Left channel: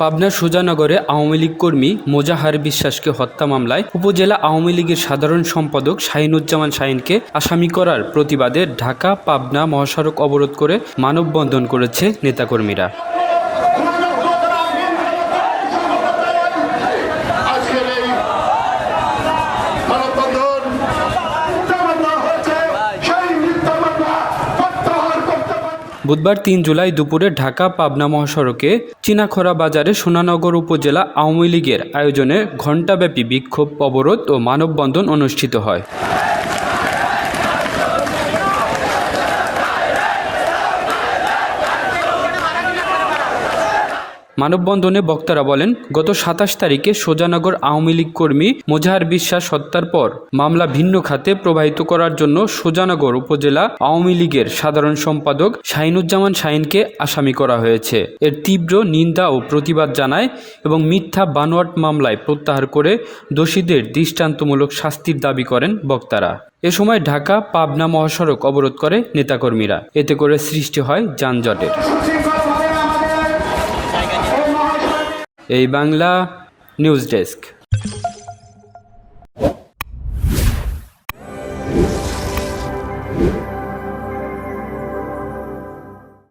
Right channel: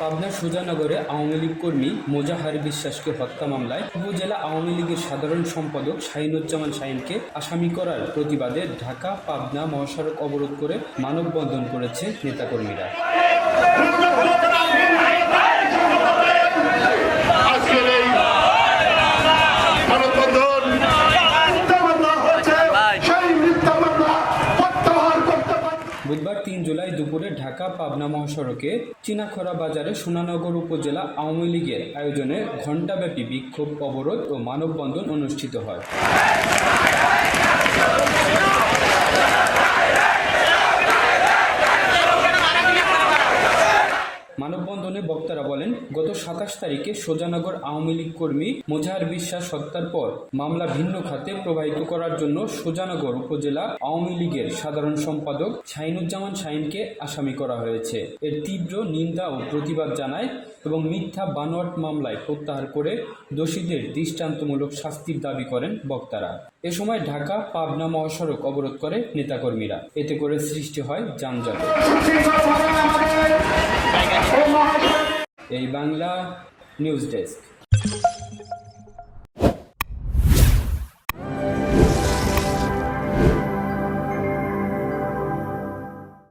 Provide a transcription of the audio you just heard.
পাবনার সুজানগরে আওয়ামী লীগ কর্মী মোজাহার বিশ্বাসকে হত্যা মামলায় উপজেলা আওয়ামী লীগের সাধারণ সম্পাদক শাহিনুজ্জামান শাহিনকে আসামি করার প্রতিবাদে ঢাকা পাবনা মহাসড়ক অবরোধ করে মানববন্ধন করেছে নেতাকর্মীরা। বুধবার ৩ জুলাই দুপুরে ঢাকা পাবনা মহাসড়কে চিনাখরা বাজারে সোনানগর উপজেলা আওয়ামী লীগের আয়োজনে ঘণ্টাব্যাপী বিক্ষোভ, অবরোধ ও মানববন্ধন অনুষ্ঠিত হয়। মানববন্ধনে বক্তারা বলেন, গত ২৭ তারিখে সোজানগর আওয়ামী লীগ কর্মী মোজাহার বিশ্বাস হত্যার পর মামলা ভিন্ন খাতে প্রবাহিত করার জন্য সোজানগর উপজেলা আওয়ামী লীগের সাধারণ সম্পাদক শাহিনুজ্জামান শাহিনকে আসামি করা হয়েছে। এর তীব্র নিন্দা ও প্রতিবাদ জানায় এবং মিথ্যা বানোয়াট মামলায় প্রত্যাহার করে দোষীদের দৃষ্টান্তমূলক শাস্তির দাবি করেন বক্তারা। এ সময় ঢাকা পাবনা মহাসড়ক অবরোধ করে নেতাকর্মীরা। এতে করে সৃষ্টি হয় যানজটের। এই বাংলা নিউজ ডেস্ক।